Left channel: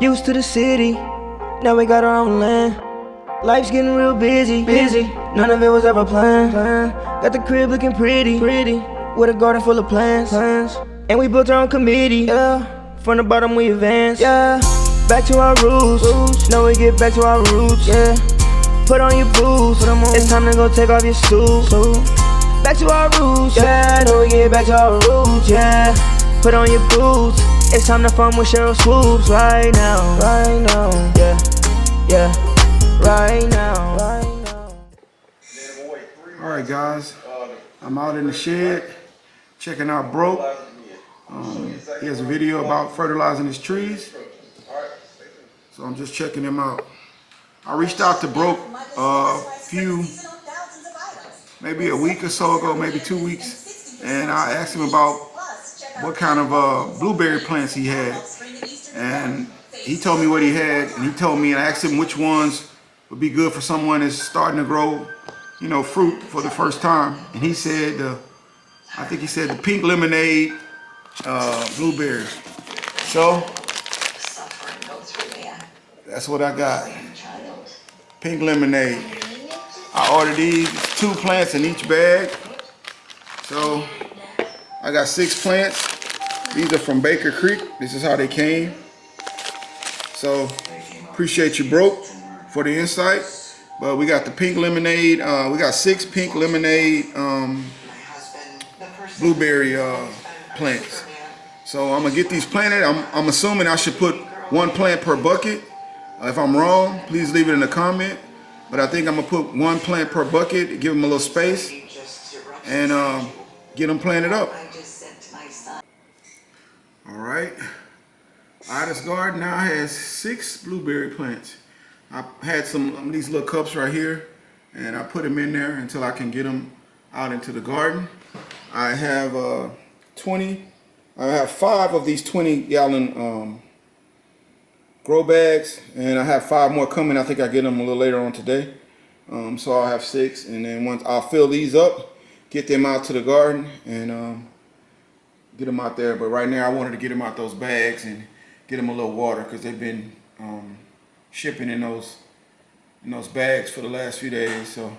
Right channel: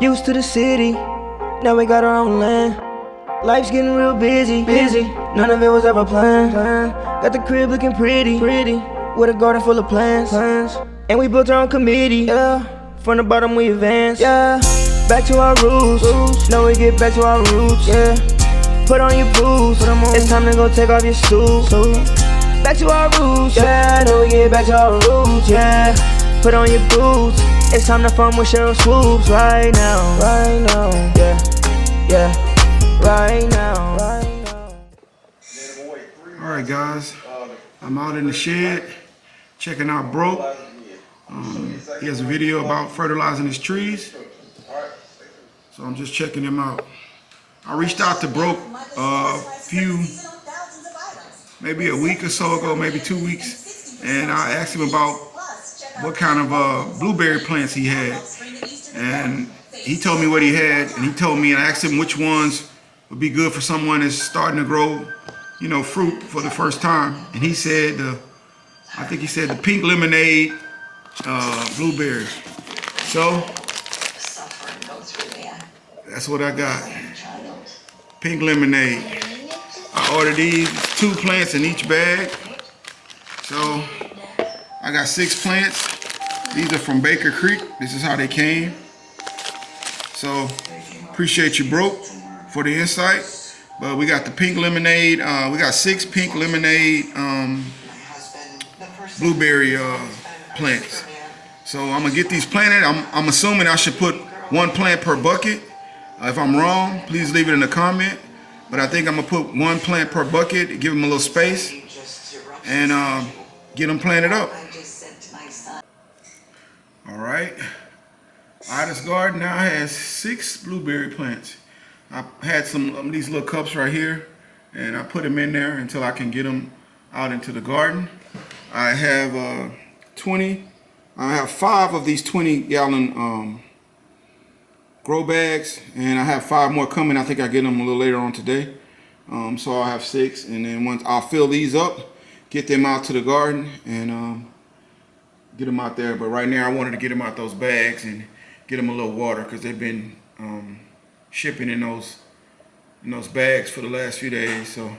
Used to the city, now we got our own land. Life's getting real busy. None of it was ever planned. Got the crib looking pretty, with a garden full of plants. And we built our own committee, yeah. From the bottom we advance, yeah. Back to our roots, now we get back to our roots, yeah. Put on your boots, it's time to go take off your suit. Back to our roots, yeah. Now we get back to our roots, yeah. Put on your boots, it's time to farm with Cheryl Swoops right now, yeah. Right now. Alright guys, I'm out in the shed checking out Broke. He has a video about fertilizing his trees, so I'm just checking him out. I reached out to Broke maybe a week or so ago, maybe 2 weeks, and I asked him about what kind of blueberry plants he had, and he told me what he had, and he told me, and I asked him which ones would be good for someone that's starting to grow, you know, fruit for the first time. And he said, I think he said the pink lemonade blueberries. So that's what I got. Pink lemonade. I ordered these 2 plants in each bag. So I got 6 plants. These are from Baker Creek. This is how they came. So appreciate you, Broke, for the insight. But we got the pink lemonade. We got 6 pink lemonade blueberry plants. So I'm gonna get these planted. I'm assuming I should put 1 plant per bucket. If I'm wrong, please leave it in a comment. But I think I'm gonna put 1 plant per bucket, give them a little space, and get them planted up. All right. Ida's garden now has 6 blueberry plants. I had some of these little cups right here, and I put them in there until I can get them out into the garden. I have I have 5 of these 20-gallon grow bags, and I have 5 more coming. I think I get them a little later on today. So I'll have 6, and then once I'll fill these up, get them out to the garden, and get them out there. But right now I wanted to get them out those bags and get them a little water, because they've been shipping in those bags for the last few days. So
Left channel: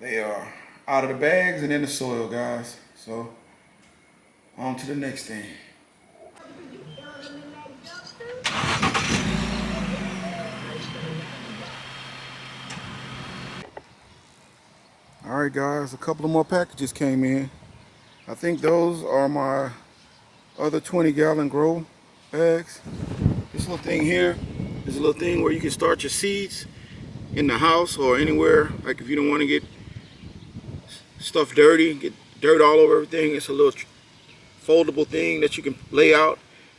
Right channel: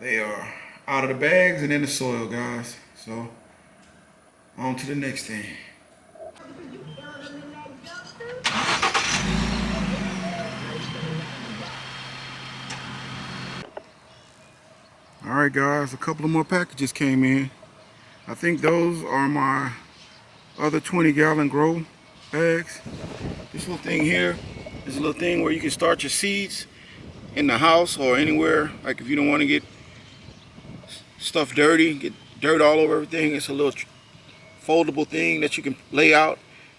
they are out of the bags and in the soil, guys. So on to the next thing. All right, guys, a couple of more packages came in. I think those are my other 20-gallon grow bags. This little thing here is a little thing where you can start your seeds in the house or anywhere. Like if you don't want to get stuff dirty, get dirt all over everything, it's a little foldable thing that you can lay out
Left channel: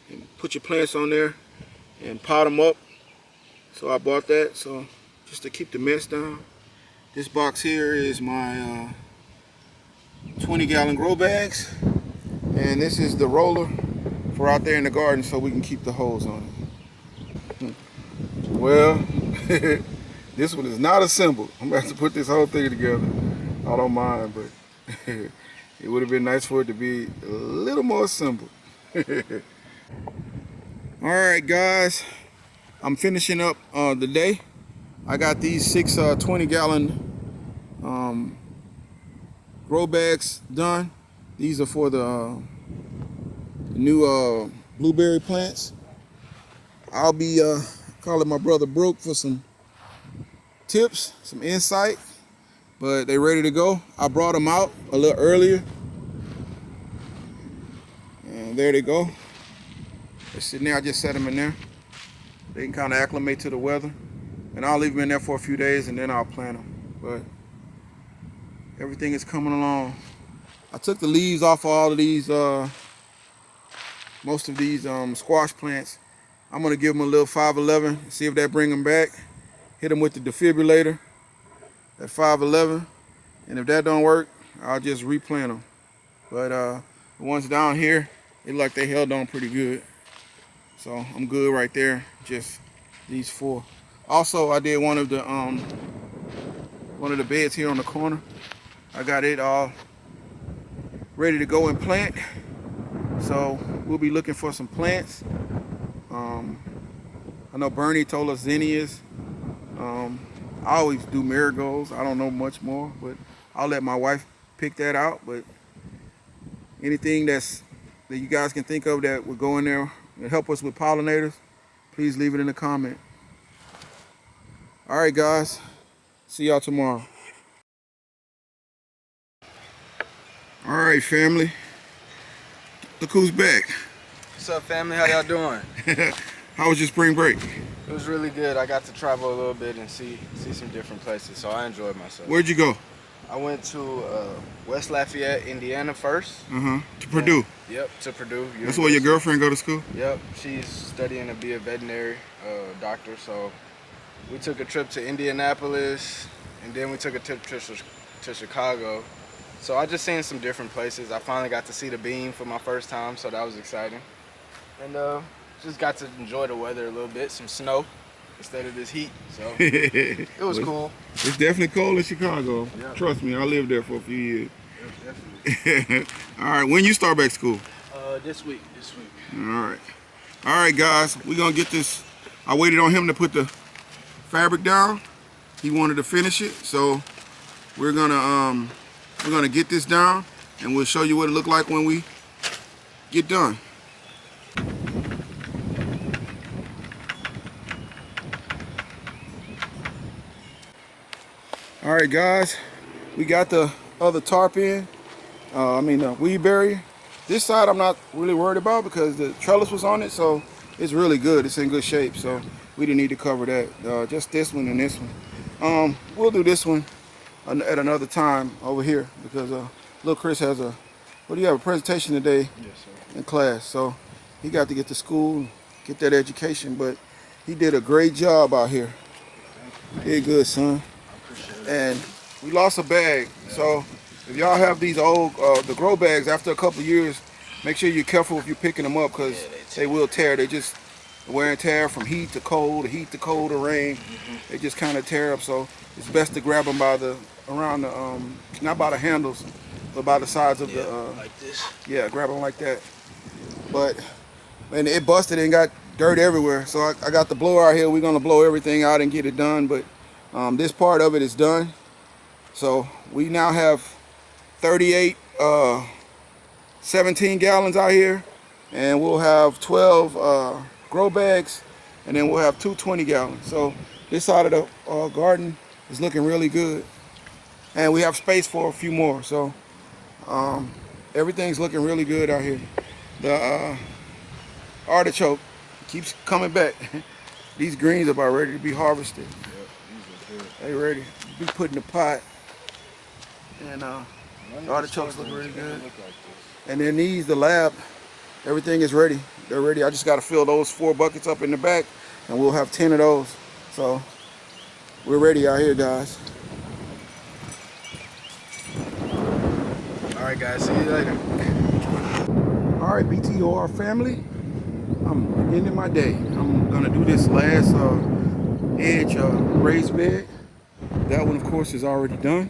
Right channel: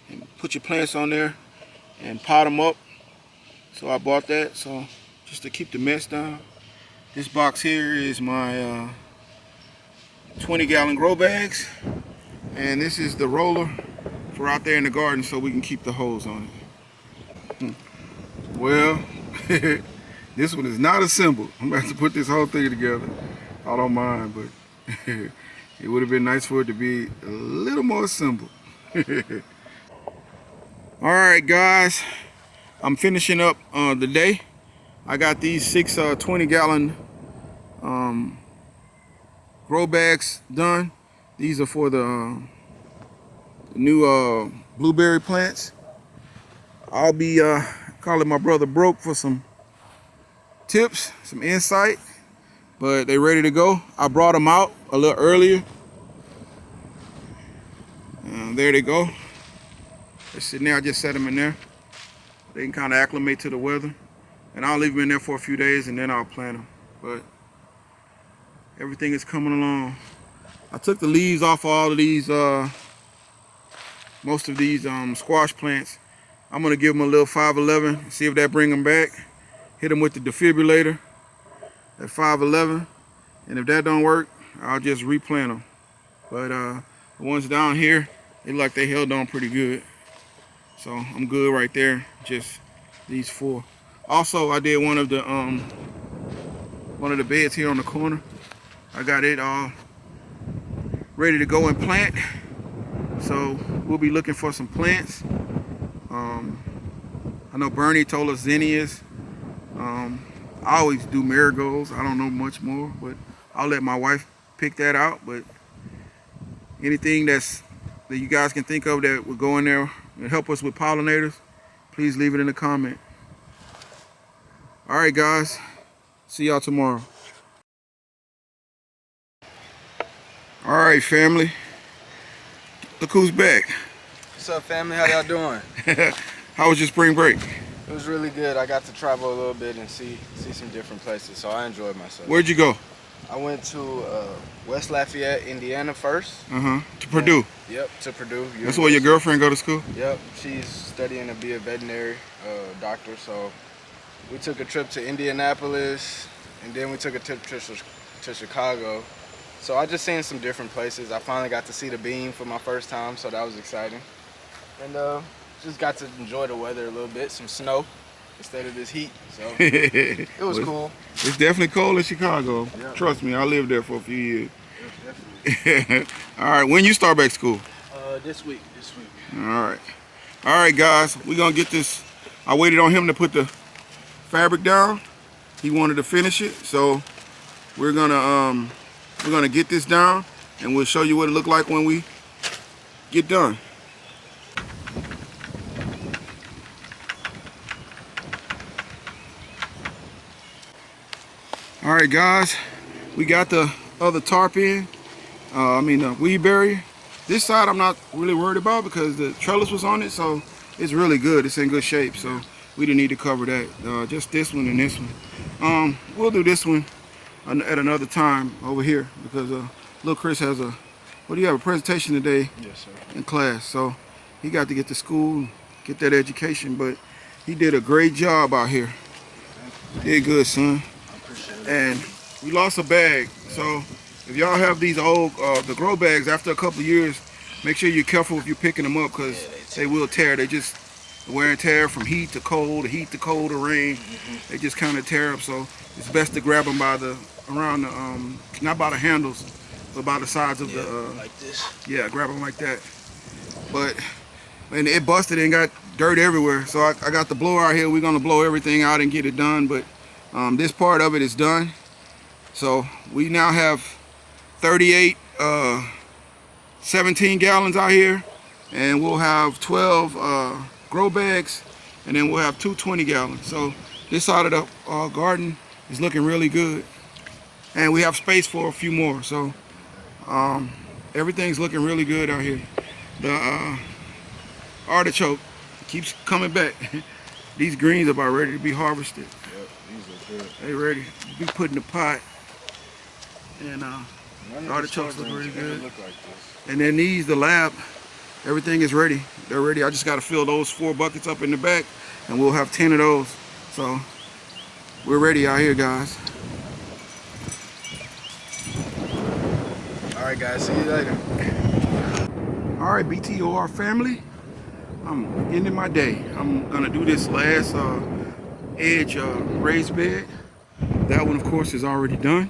and put your plants on there and pot them up. So I bought that, so just to keep the mess down. This box here is my 20-gallon grow bags, and this is the roller for out there in the garden so we can keep the hose on it. Well, this one is not assembled. I'm about to put this whole thing together. I don't mind, but it would have been nice for it to be a little more assembled. All right, guys, I'm finishing up the day. I got these 6 20-gallon grow bags done. These are for the new blueberry plants. I'll be calling my brother Broke for some tips, some insight, but they're ready to go. I brought them out a little earlier. There they go. They're sitting there. I just set them in there. They can kind of acclimate to the weather, and I'll leave them in there for a few days and then I'll plant them. But everything is coming along. I took the leaves off of all of these, most of these squash plants. I'm gonna give them a little 511, see if that bring them back. Hit them with the defibrillator at 511, and if that don't work, I'll just replant them. But the ones down here, they look like they held on pretty good. So I'm good right there, just these 4. Also, I did one of the beds here on the corner. I got it all ready to go and plant. So we'll be looking for some plants I know Bernie told us zinnias. I always do marigolds. I don't know much more, but I'll let my wife pick that out. But anything that you guys can think of that would go in there and help us with pollinators, please leave it in the comment. All right, guys. See y'all tomorrow. All right, family. Look who's back. What's up, family? How y'all doing? How was your spring break? It was really good. I got to travel a little bit and see some different places, so I enjoyed myself. Where'd you go? I went to West Lafayette, Indiana first. To Purdue. Yep, to Purdue. University. That's where your girlfriend go to school? Yep, she's studying to be a veterinary doctor, so we took a trip to Indianapolis, and then we took a trip to Chicago. So I just seen some different places. I finally got to see the beam for my first time, so that was exciting. And just got to enjoy the weather a little bit, some snow instead of this heat. So it was cool. It's definitely cold in Chicago. Yep. Trust me, I lived there for a few years. Yep, definitely. All right, when you start back school? This week. All right, guys, we're gonna get this. I waited on him to put the fabric down. He wanted to finish it, so we're gonna get this down, and we'll show you what it looked like when we get done. All right, guys, we got the other tarp in. The weed barrier. This side I'm not really worried about because the trellis was on it, so it's really good. It's in good shape, so we didn't need to cover that. Just this one and this one. We'll do this one at another time over here because little Chris has a presentation today. Yes, sir. In class, so he got to get to school, get that education, but he did a great job out here. Did good, son. And we lost a bag, so if y'all have these old the grow bags, after a couple of years, make sure you're careful if you're picking them up because they will tear. They just wear and tear from heat to cold to rain. They just kind of tear up, so it's best to grab them by not by the handles, but by the sides of like this. Yeah, grab them like that. But and it busted and got dirt everywhere, so I got the blower out here. We're gonna blow everything out and get it done, but this part of it is done. So we now have 38 17 gallons out here, and we'll have 12 grow bags, and then we'll have 2 20 gallons. So this side of the garden is looking really good, and we have space for a few more. So everything's looking really good out here. The artichoke keeps coming back. These greens are about ready to be harvested. Yep, these are good. They ready to be put in the pot. And the artichokes look really good. Look like this. And then these, the lab, everything is ready. They're ready. I just got to fill those 4 buckets up in the back, and we'll have 10 of those. So we're ready out here, guys. All right, guys. See you later. All right, BTOR family. I'm ending my day. I'm gonna do this last edge raised bed. That one, of course, is already done,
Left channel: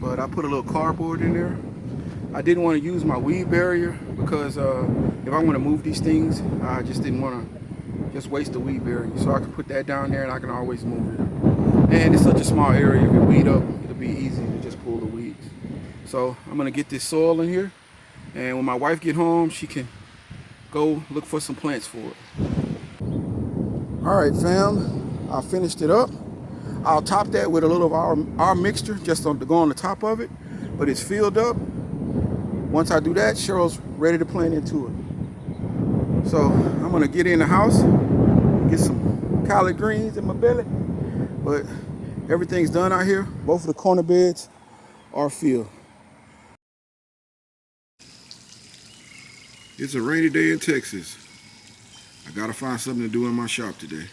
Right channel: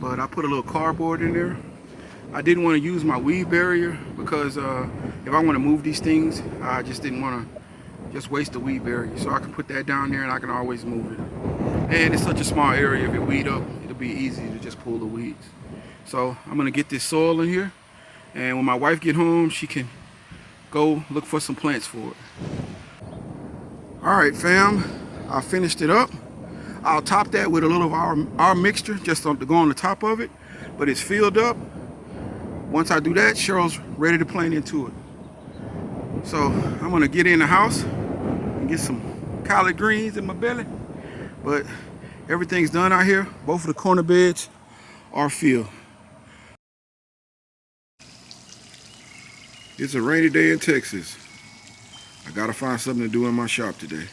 but I put a little cardboard in there. I didn't want to use my weed barrier because if I'm gonna move these things, I just didn't want to just waste the weed barrier. So I can put that down there and I can always move it. And it's such a small area, if you weed up, it'll be easy to just pull the weeds. So I'm gonna get this soil in here, and when my wife get home, she can go look for some plants for it. All right, fam, I finished it up. I'll top that with a little of our mixture just to go on the top of it, but it's filled up. Once I do that, Cheryl's ready to plant into it. So I'm gonna get in the house and get some collard greens in my belly, but everything's done out here. Both of the corner beds are filled. It's a rainy day in Texas. I gotta find something to do in my shop today.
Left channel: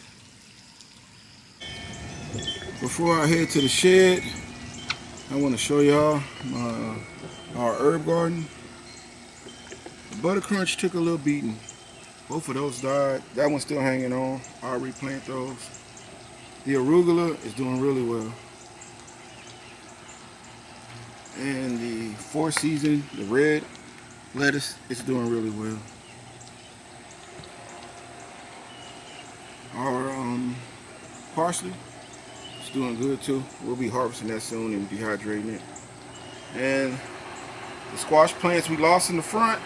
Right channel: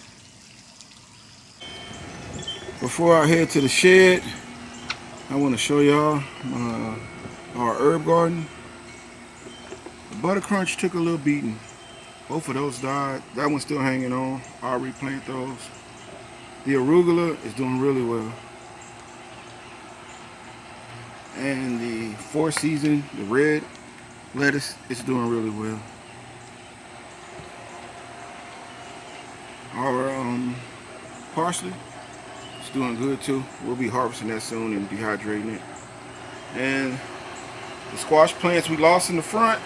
Before I head to the shed, I want to show y'all our herb garden. The butter crunch took a little beating. Both of those died. That one's still hanging on. I'll replant those. The arugula is doing really well. And the 4-season, the red lettuce, is doing really well. Our parsley is doing good too. We'll be harvesting that soon and dehydrating it. And the squash plants we lost in the front,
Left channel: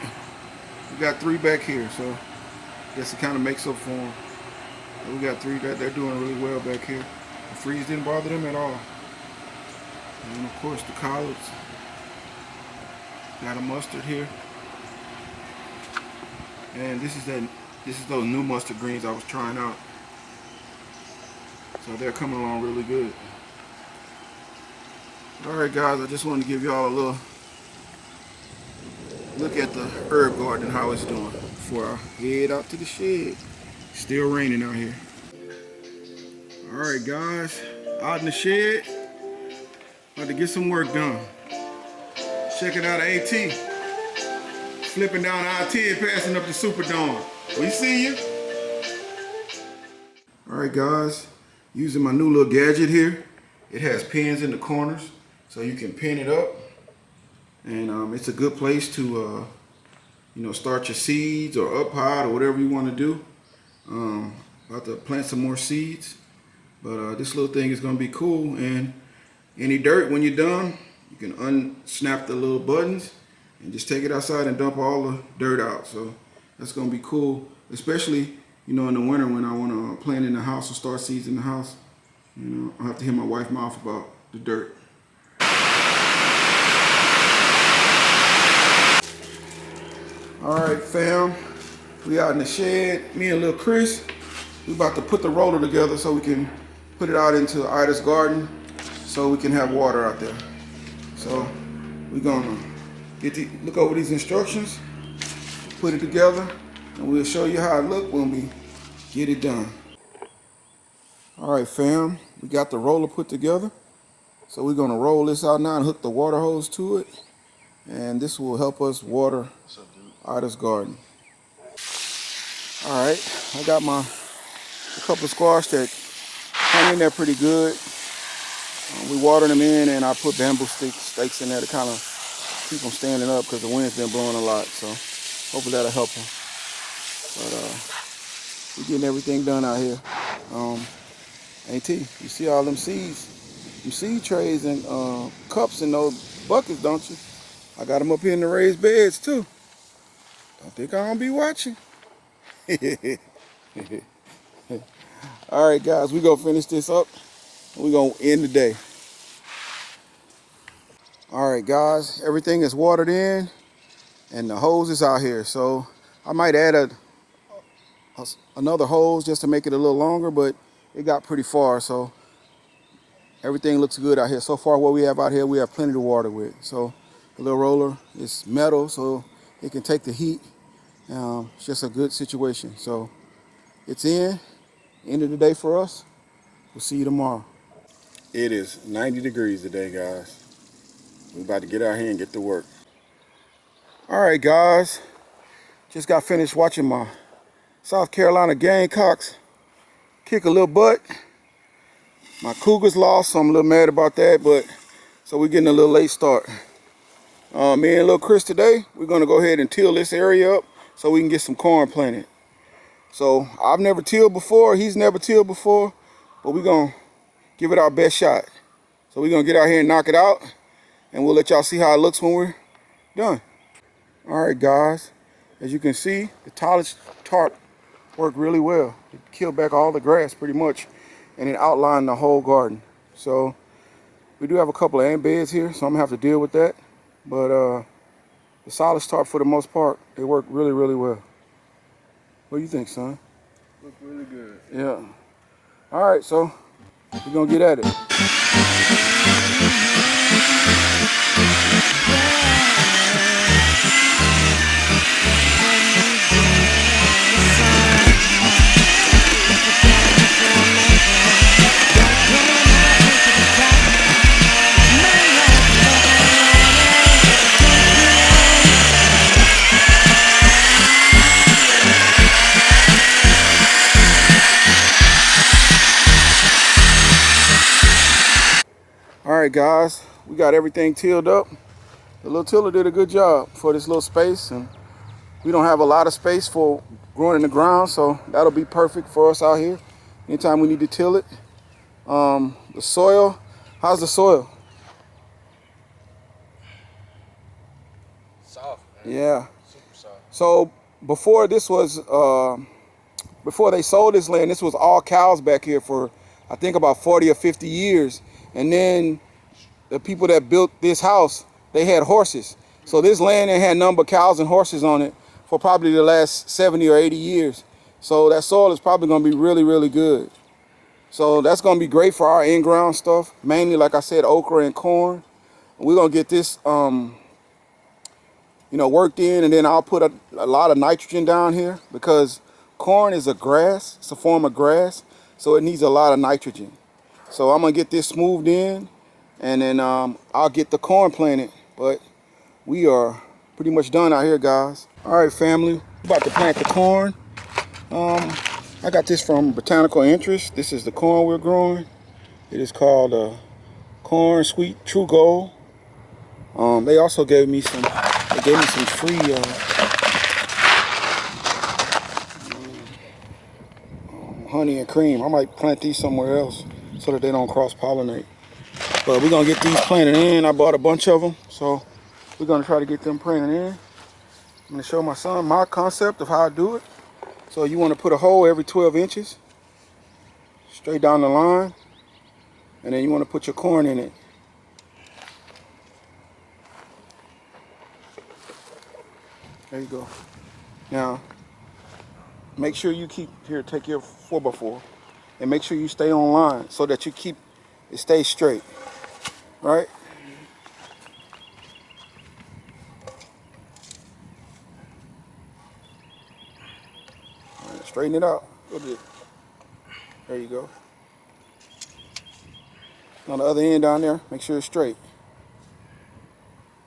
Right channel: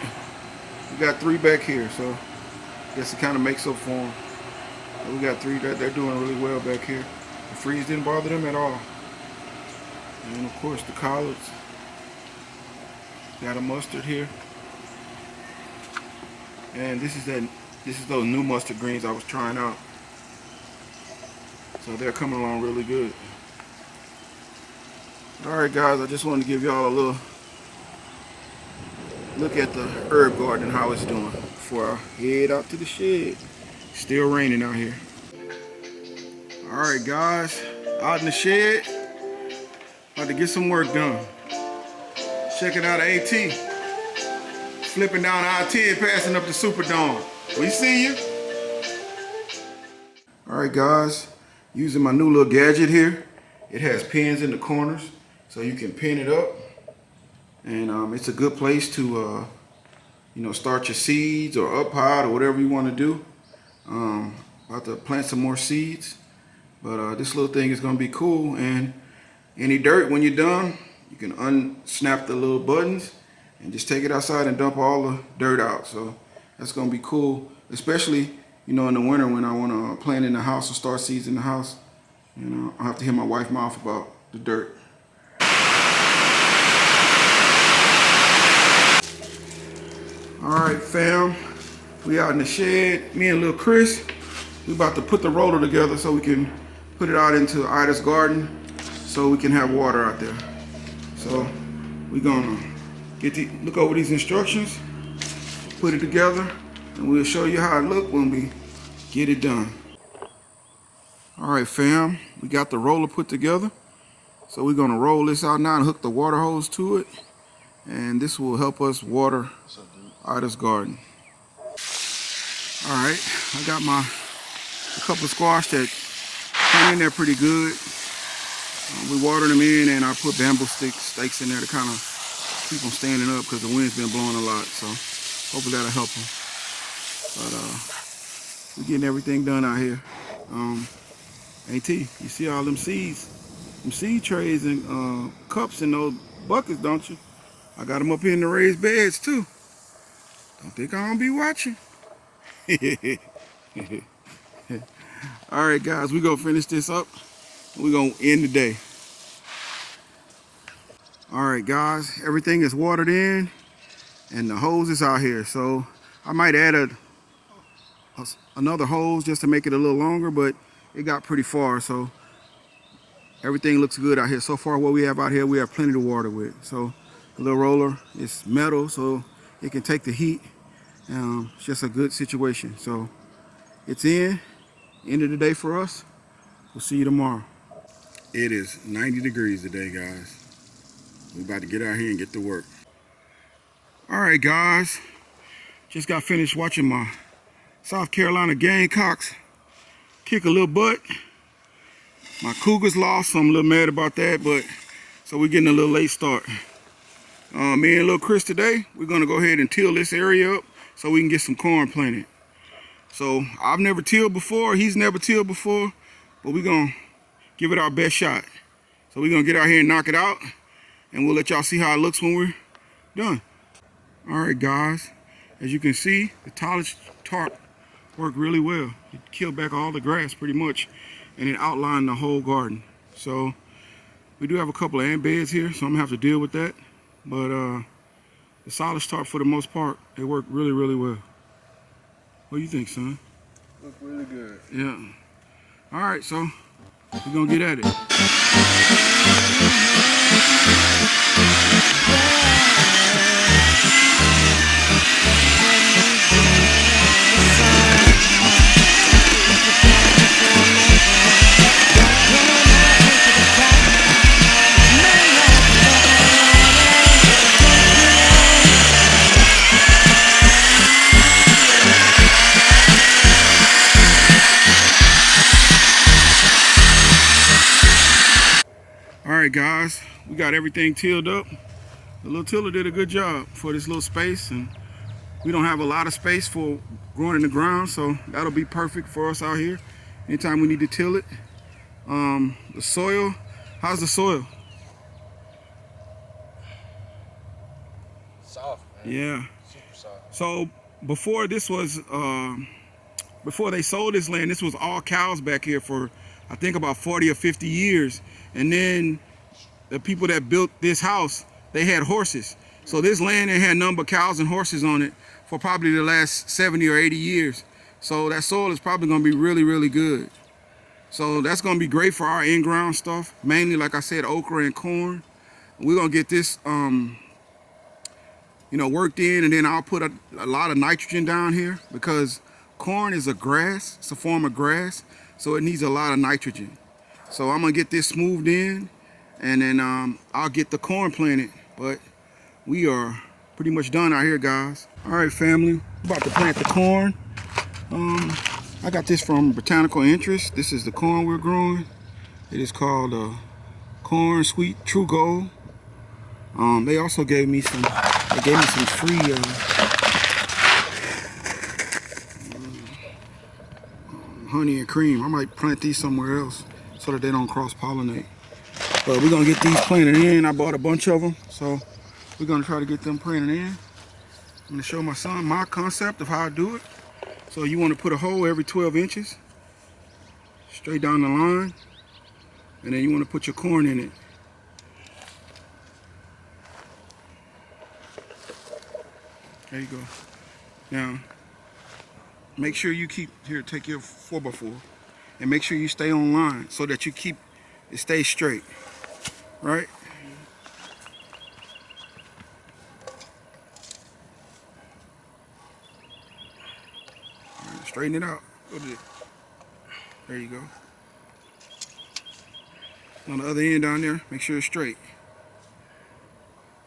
we got 3 back here, so I guess it kind of makes up for them. We got 3 that they're doing really well back here. The freeze didn't bother them at all. And of course the collards. Got a mustard here. And this is those new mustard greens I was trying out. So they're coming along really good. Alright guys, I just wanted to give y'all a little look at the herb garden and how it's doing before I head out to the shed. Still raining out here. Alright guys, out in the shed, about to get some work done. Checking out AT. Flipping down I-10, passing up the Superdome. We see you. Alright guys, using my new little gadget here. It has pins in the corners, so you can pin it up. And it's a good place to start your seeds or up high or whatever you want to do. About to plant some more seeds. But this little thing is going to be cool. And any dirt, when you're done, you can unsnap the little buttons and just take it outside and dump all the dirt out. So that's going to be cool, especially in the winter when I want to plant in the house or start seeds in the house. I have to hear my wife's mouth about the dirt. All right, fam, we out in the shed. Me and little Chris, we about to put the roller together so we can put it out into Ida's garden so we can have water out there. So we're gonna look over these instructions, put it together, and we'll show you how it look when we get it done. All right, fam, we got the roller put together. So we're gonna roll this out now and hook the water hose to it. And this will help us water Ida's garden. All right, I got a couple of squash that hang in there pretty good. We water them in, and I put bamboo stakes in there to kind of keep them standing up because the wind's been blowing a lot. So hopefully that'll help them. But we're getting everything done out here. AT, you see all them seeds, them seed trays and cups in those buckets, don't you? I got them up here in the raised beds too. Don't think I'm gonna be watching. All right, guys, we're gonna finish this up. We're gonna end the day. All right, guys, everything is watered in and the hose is out here. So I might add another hose just to make it a little longer, but it got pretty far. So everything looks good out here. So far, what we have out here, we have plenty to water with. So the little roller is metal, so it can take the heat. It's just a good situation. So it's end of the day for us. We'll see you tomorrow. It is 90 degrees today, guys. We're about to get out here and get to work. All right, guys. Just got finished watching my South Carolina Gamecocks kick a little butt. My Cougars lost, so I'm a little mad about that, but so we're getting a little late start. Me and little Chris today, we're gonna go ahead and till this area up so we can get some corn planted. So I've never tilled before, he's never tilled before, but we're gonna give it our best shot. So we're gonna get out here and knock it out, and we'll let y'all see how it looks when we're done. All right, guys, as you can see, the tallest tarp worked really well. It killed back all the grass pretty much, and it outlined the whole garden. So we do have a couple of ant beds here, so I'm gonna have to deal with that. But the solid tarp, for the most part, it worked really, really well. What do you think, son? Look really good. Yeah. All right, so we're gonna get at it. All right, guys, we got everything tilled up. The little tiller did a good job for this little space, and we don't have a lot of space for growing in the ground, so that'll be perfect for us out here. anytime we need to till it. The soil, how's the soil? Soft, man. Yeah. Super soft. So before this was, before they sold this land, this was all cows back here for, I think, about 40 or 50 years. And then the people that built this house, they had horses. So this land had nothing but cows and horses on it for probably the last 70 or 80 years. So that soil is probably gonna be really, really good. So that's gonna be great for our in-ground stuff, mainly, like I said, okra and corn. We're gonna get this, worked in, and then I'll put a lot of nitrogen down here because corn is a grass, it's a form of grass, so it needs a lot of nitrogen. So I'm gonna get this smoothed in, and then I'll get the corn planted. But we are pretty much done out here, guys. All right, family, we're about to plant the corn. I got this from Botanical Interest. This is the corn we're growing. It is called Corn Sweet True Gold. They also gave me some free honey and cream. I might plant these somewhere else so that they don't cross-pollinate. But we're gonna get these planted in. I bought a bunch of them, so we're gonna try to get them planted in. I'm gonna show my son my concept of how I do it. So you wanna put a hole every 12 inches, straight down the line, and then you wanna put your corn in it. There you go. Now, make sure you take your 4x4, and make sure you stay on line so that you keep it stays straight, right? All right, straighten it out. There you go. On the other end down there, make sure it's straight.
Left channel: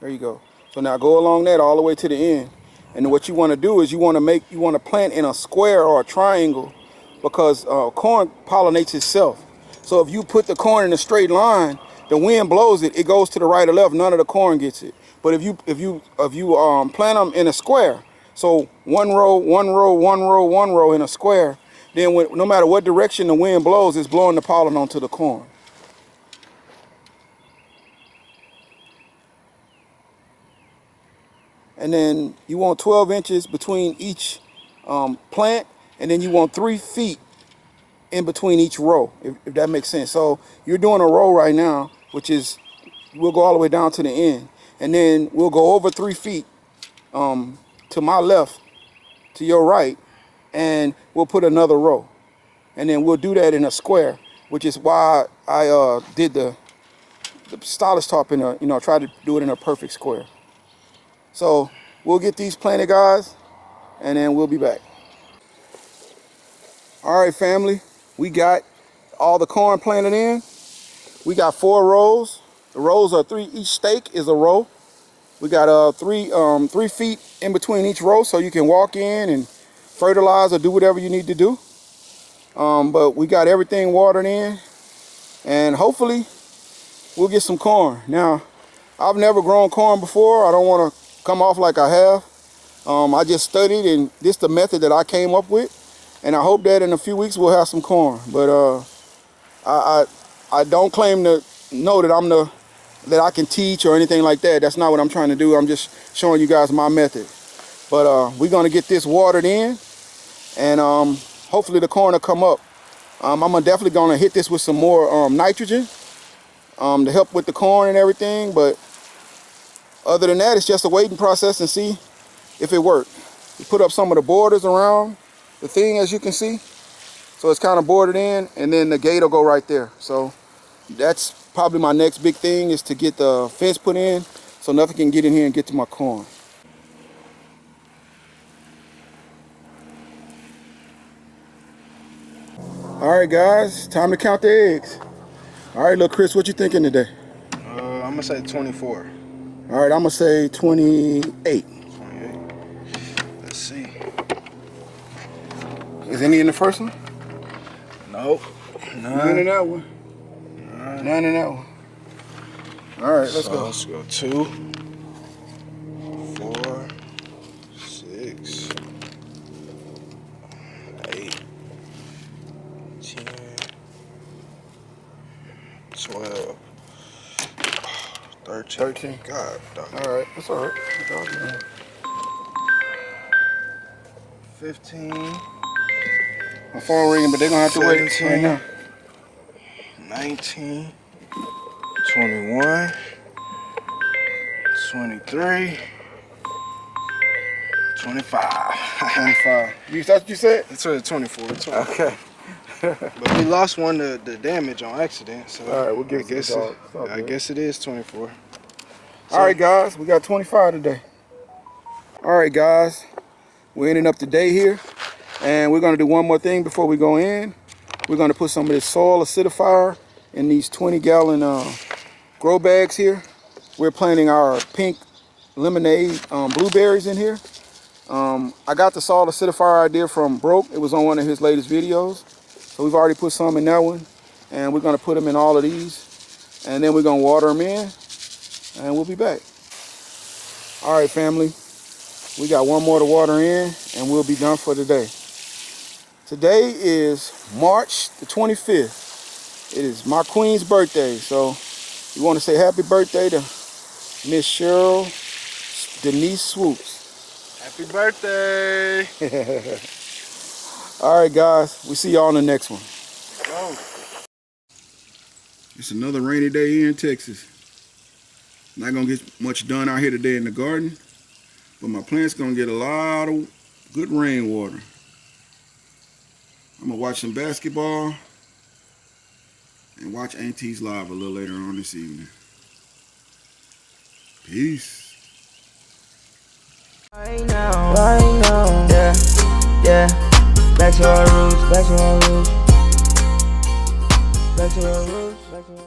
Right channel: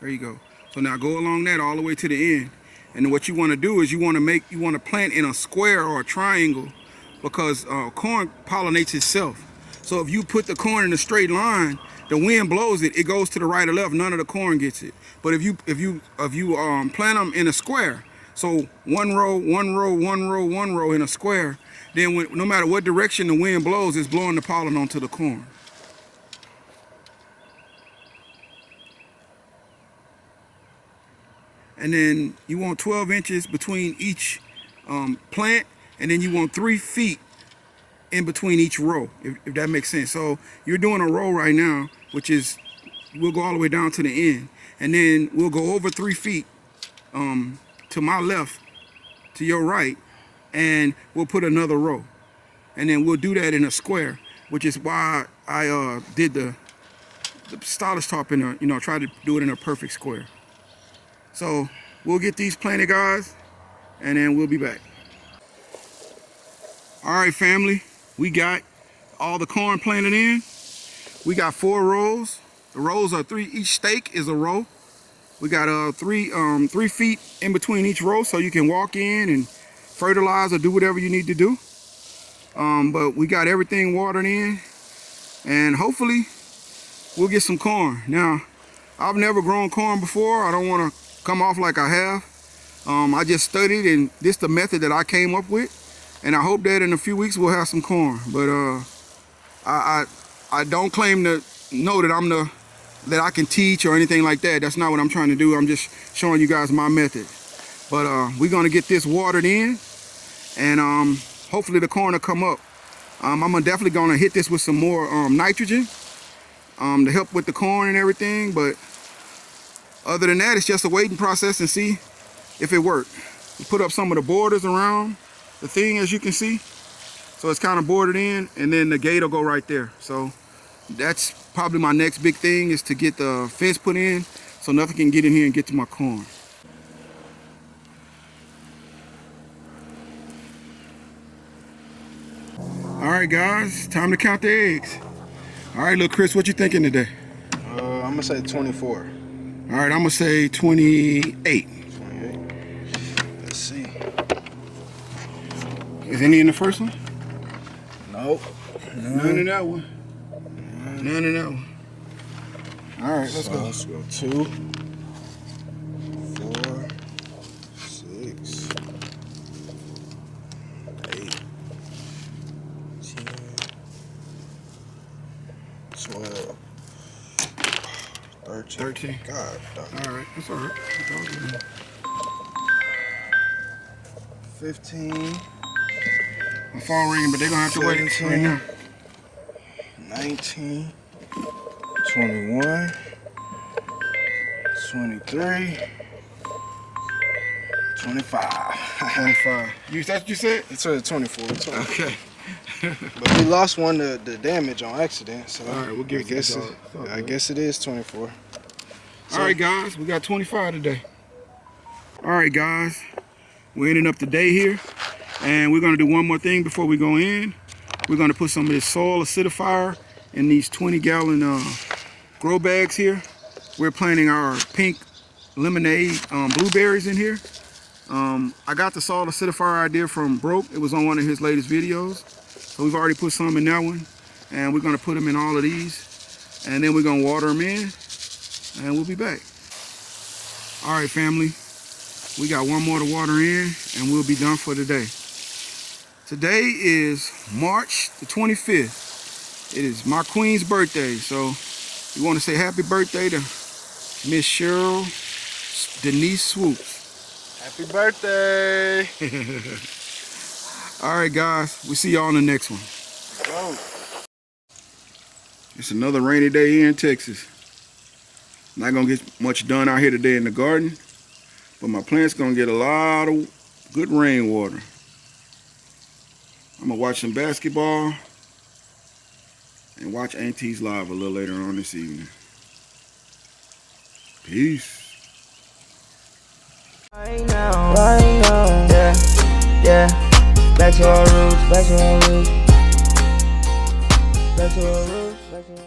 There you go. So now go along that all the way to the end. And what you want to do is you want to plant in a square or a triangle, because corn pollinates itself. So if you put the corn in a straight line, the wind blows it, it goes to the right or left, none of the corn gets it. But if you plant them in a square, so one row, one row, one row, one row in a square, then no matter what direction the wind blows, it's blowing the pollen onto the corn. And then you want 12 inches between each plant, and then you want 3 feet in between each row, if that makes sense. So you're doing a row right now, which is, we'll go all the way down to the end, and then we'll go over 3 feet to my left, to your right, and we'll put another row. And then we'll do that in a square, which is why I did the stylus tarp in a, try to do it in a perfect square. So we'll get these planted, guys, and then we'll be back. All right, family, we got all the corn planted in. We got 4 rows. The rows are 3, each stake is a row. We got 3 feet in between each row, so you can walk in and fertilize or do whatever you need to do. But we got everything watered in, and hopefully we'll get some corn. Now, I've never grown corn before. I don't want to come off like I have. I just studied, and this is the method that I came up with, and I hope that in a few weeks we'll have some corn. But I don't claim to know that that I can teach or anything like that. That's not what I'm trying to do. I'm just showing you guys my method. But we're gonna get this watered in, and hopefully the corn will come up. I'm definitely gonna hit this with some more nitrogen to help with the corn and everything. But other than that, it's just a waiting process and see if it worked. We put up some of the borders around the thing, as you can see. So it's kind of bordered in, and then the gate will go right there. So that's probably my next big thing, is to get the fence put in so nothing can get in here and get to my corn. All right, guys, time to count the eggs. All right, little Chris, what you thinking today? I'm gonna say 24. All right, I'm gonna say 28. 28. Let's see. Is any in the first one? Nope. None in that one. None in that one. All right, let's go. Let's go 2, 4, 6, 8, 10, 12, 13. 13. God, dog. All right, that's all right. 15. My phone ringing, but they're gonna have to wait 17. right now. 19, 21, 23, 25. 25. That's what you said? It's 24. 24. Okay. But we lost one to the damage on accident, so All right, we'll give I it to guess the dog. It's all I good. guess it is 24. All right, guys, we got 25 today. All right, guys, we're ending up the day here, and we're gonna do one more thing before we go in. We're gonna put some of this soil acidifier in these 20-gallon grow bags here. We're planting our pink lemonade blueberries in here. I got the soil acidifier idea from Broke. It was on one of his latest videos. So we've already put some in that one, and we're gonna put them in all of these, and then we're gonna water them in, and we'll be back. All right, family, we got one more to water in, and we'll be done for today. Today is March the 25th. It is my queen's birthday, so we want to say happy birthday to Miss Cheryl Denise Swoops. Happy birthday! All right, guys, we'll see y'all on the next one. Go. It's another rainy day here in Texas. Not gonna get much done out here today in the garden, but my plant's gonna get a lot of good rainwater. I'm gonna watch some basketball and watch Auntie's live a little later on this evening. Peace. Right now, yeah. Back to our roots, back to our roots, back to our roots, back to our roots.